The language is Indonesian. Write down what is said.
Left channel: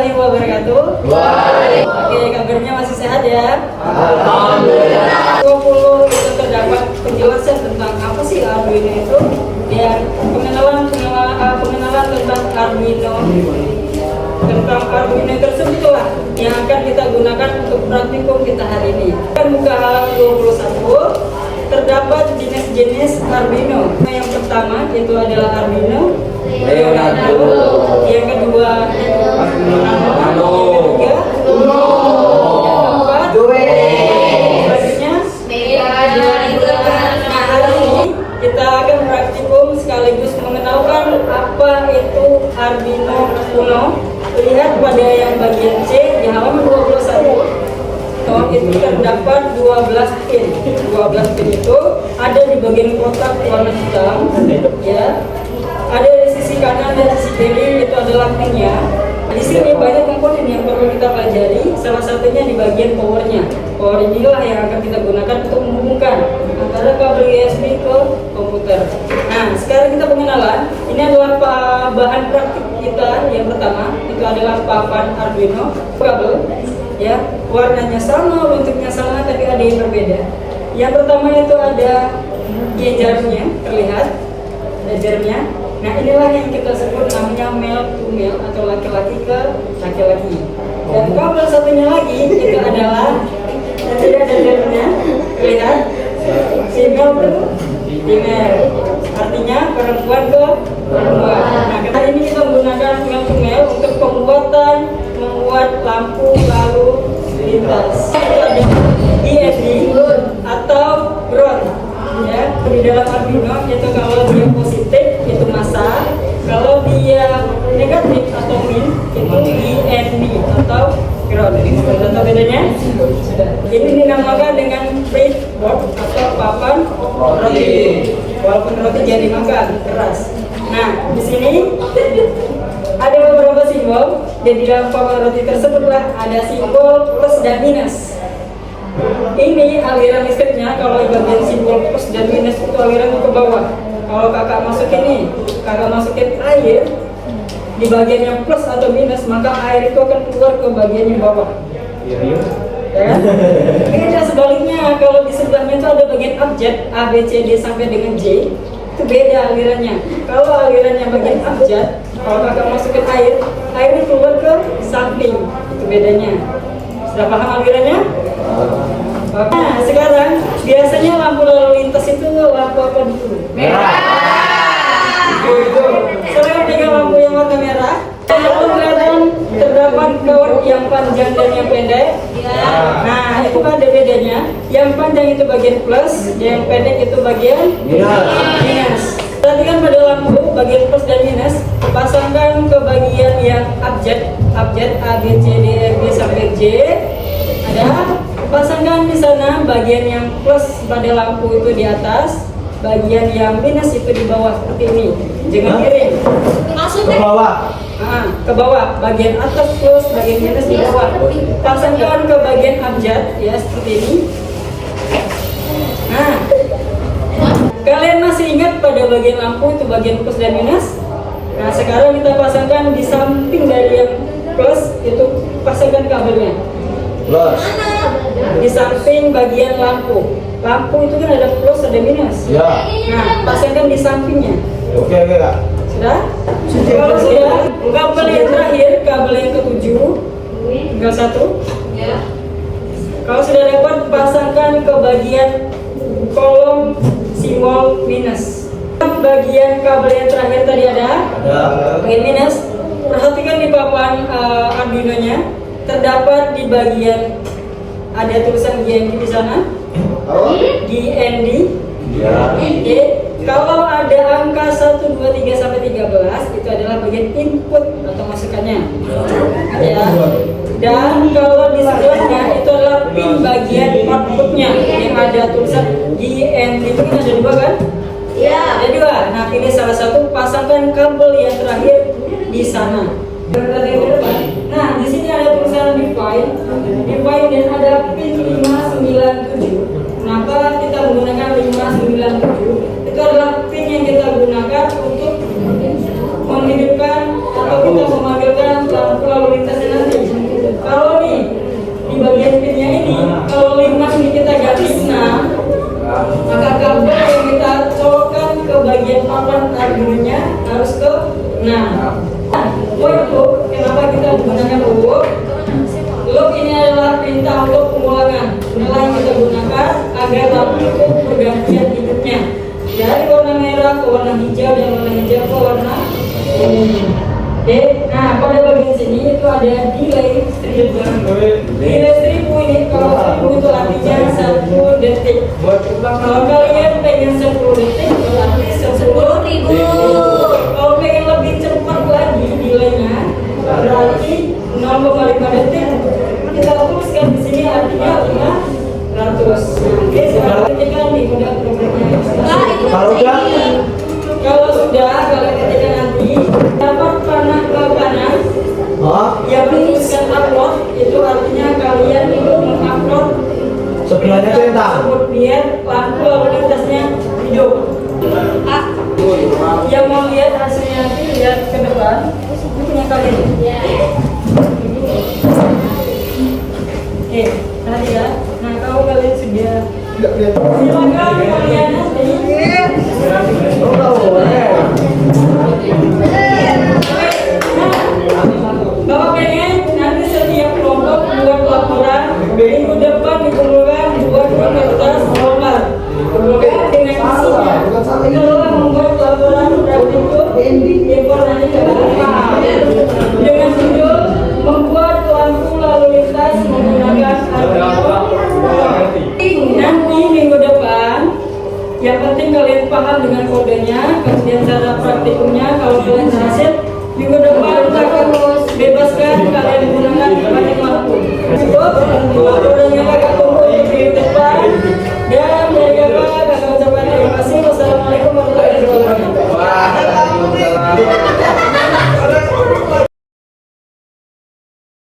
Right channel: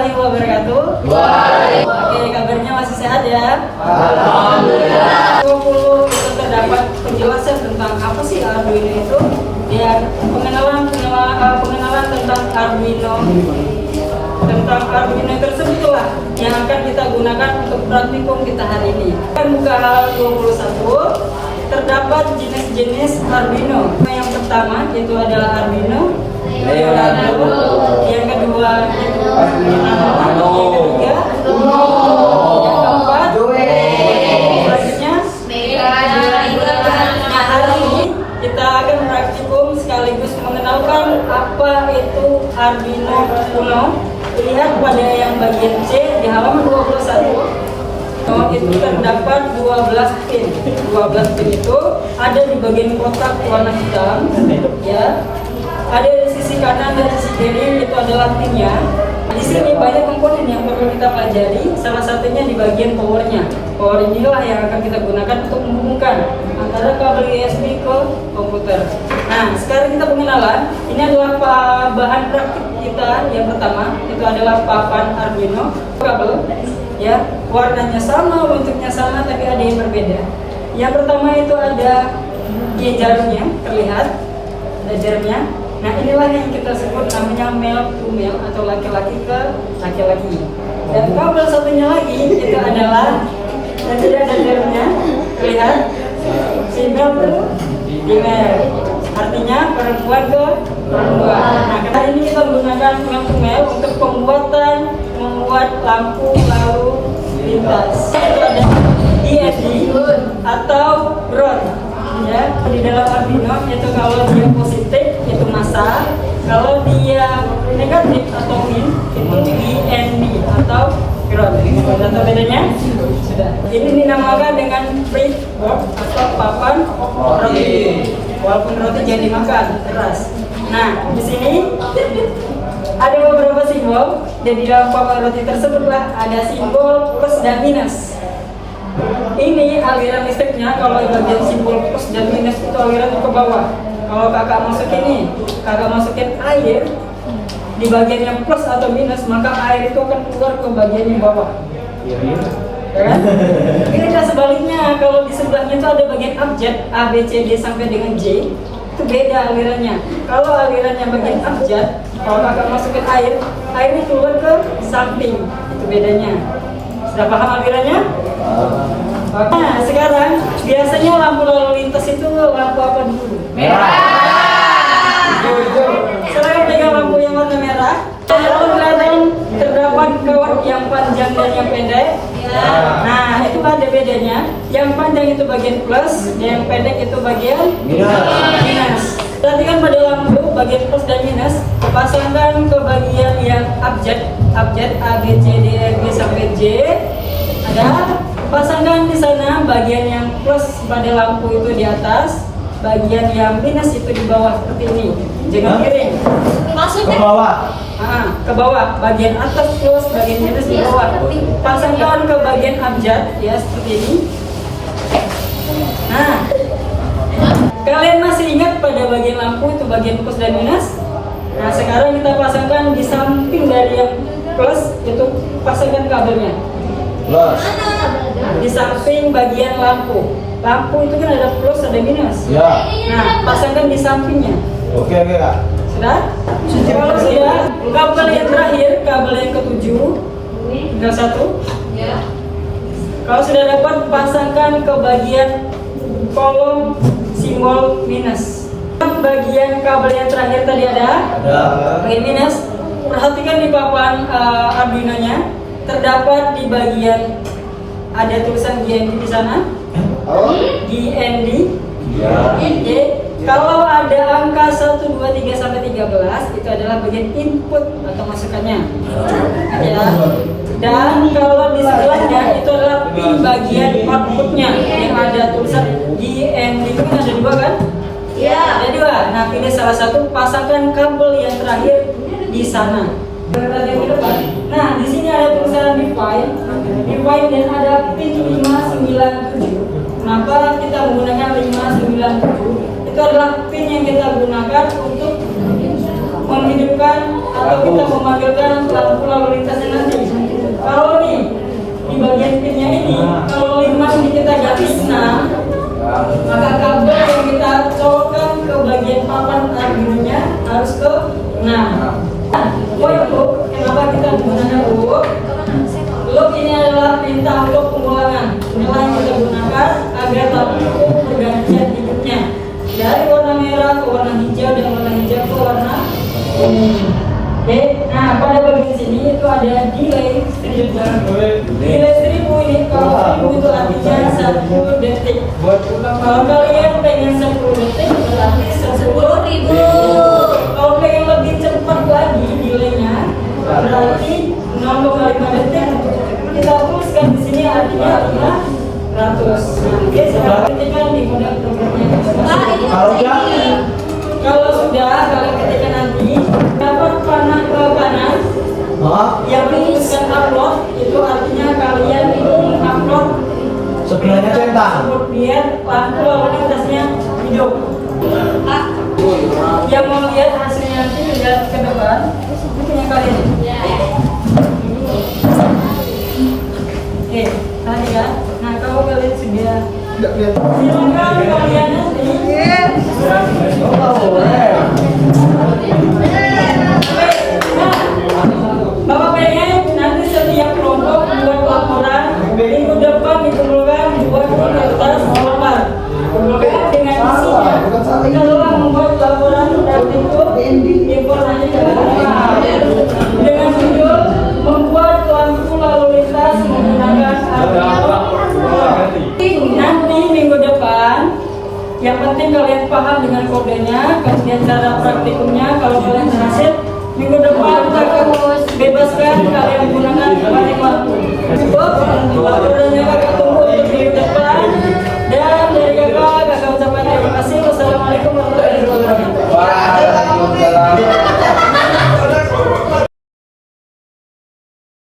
warahmatullahi wabarakatuh. Oke, kabarnya masih sehat ya? Alhamdulillah. 20 itu terdapat penjelasan tentang apa sih Arduino itu, dan pengenalan tentang Arduino. Tentang Arduino tersebutlah yang akan kita gunakan untuk praktikum kita hari ini. Kita buka halaman 21. Terdapat jenis-jenis Arduino. Yang pertama itu adalah Arduino Leonardo, yang kedua itu Arduino, yang ketiga Uno, yang keempat selanjutnya Nah, hari ini kita akan praktikum sekaligus mengenalkan apa itu Arduino Uno. Lihat pada yang bagian C di halaman 21. Itu terdapat 12 pin. 12 pin itu ada di bagian kotak warna hitam, ya. Ada di sisi kanan dan sisi kiri, itu adalah pinnya. Di sini banyak komponen yang perlu kita pelajari. Salah satunya di bagian powernya. Power inilah yang akan kita gunakan untuk menghubungkan antara kabel USB ke komputer. Nah, sekarang kita pengenalan. Ini adalah bahan praktik kita. Yang pertama itu adalah papan Arduino kabel. Ya, warnanya sama, bentuknya sama, tapi ada yang berbeda. Yang pertama itu ada jarumnya, terlihat ada jarumnya. Nah, inilah yang kita sebut namanya male to male atau laki-laki ke laki-laki. Dan kabel satunya lagi itu adalah tidak ada jarumnya, terlihat female to female, artinya perempuan ke perempuan. Nah, kali ini kita menggunakan male to male untuk membuat lampu lalu lintas. Itu ada DSD atau ground, ya. Di dalam Arduino itu kalau dia positif itu massa, kalau dia negatif atau min itu DND atau ground. Sudah tahu bedanya? Sudah. Ini dinamakan dengan breadboard atau papan roti. Walaupun roti jadi makan keras. Nah, di sini ada beberapa simbol, dan di dalam papan roti tersebutlah ada simbol plus dan minus. Ini aliran listriknya. Kalau bagian simbol plus dan minus itu aliran ke bawah. Kalau kakak masukin air di bagian yang plus atau minus, maka air itu akan keluar ke bagian yang bawah. Ya? Ini tidak sebaliknya. Kalau di sebelahnya itu ada bagian abjad A, B, C, D sampai dengan J, itu beda alirannya. Kalau alirannya bagian abjad, kalau kakak masukin airnya keluar ke samping, itu bedanya. Sudah paham alirannya? Nah, sekarang biasanya lampu lalu lintas itu lampu apa dulu? Merah. Sekarang pegang lampu yang warna merah. Kalau kelihatan terdapat kawan yang panjang dan yang pendek. Nah, itu ada bedanya. Yang panjang itu bagian plus, yang pendek itu bagian minus. Perhatikan pada lampu bagian plus dan minus, pasangkan ke bagian yang abjad A, B, C, D, E, F, G sampai J. Ada, pasangkan di sana bagian yang plus pada lampu itu di atas, bagian yang minus itu di bawah seperti ini. Jangan miring. Ke bawah. Ke bawah, bagian atas plus, bagian minus di bawah. Pasangkan ke bagian abjad, ya seperti ini. Nah, kalian masih ingat pada bagian lampu itu bagian plus dan minus? Nah, sekarang kita pasangkan di samping dari yang plus, itu pasangkan kabelnya. Plus. Di samping bagian lampu. Lampu itu kan ada plus, ada minus. Ya. Nah, pasangkan di sampingnya. Oke, Kak. Sudah? Kalau sudah, kabel yang terakhir, kabel yang ke-7, tinggal satu. Kalau sudah dapat, pasangkan ke bagian kolom simbol minus. Bagian kabel yang terakhir tadi ada bagian minus. Perhatikan di papan Arduino-nya, terdapat di bagian ada tulisan GND di sana. GND. Oke. Kalau ada angka 1, 2, 3 sampai 13, itu adalah bagian input atau masukannya. Ya. Dan kalau di sebelahnya itu adalah pin bagian outputnya yang ada tulisan GND. Itu kan ada dua kan? Ya. Ada dua. Nah, pilih salah satu, pasangkan kabel yang terakhir di sana. Nah, di sini ada tulisan define dan ada pin 597. Kenapa kita menggunakan 597? Itu adalah pin yang kita gunakan untuk menghidupkan atau kita memanggilkan lampu lalu lintas yang hijau dan warna hijau itu warna ungu. Oke, nah pada bagian sini itu ada delay strip. Delay strip ini kalau strip itu artinya 1 detik. Kalau kalian pengen 10 detik berarti 10.000. Kalau pengen lebih cepat lagi delaynya berarti 0,5 detik. Kita tuliskan di sini artinya 500. Oke, sekarang ketikkan di modal programnya. Kalau sudah, kalian ketikkan nanti dapat panah ke kanan yang menuliskan upload, itu artinya kalian itu mengupload Sebelahnya centang. biar lampu lalu lintasnya hidup. Yang mau lihat hasilnya nanti lihat ke depan, itu punya kalian. Oke, tadi ya. Nah, kalau kalian sudah silakan kalian nanti. Bapak pengen nanti setiap kelompok buat laporan minggu depan diperlukan buat kertas formal dengan isinya. Kalau membuat laporan berikut informasi dengan judul membuat lampu lalu lintas menggunakan nanti minggu depan. Yang penting kalian paham dengan kodenya, kemudian cara praktikumnya. Kalau kalian berhasil, minggu depan kita akan bebaskan kalian menggunakan banyak lampu.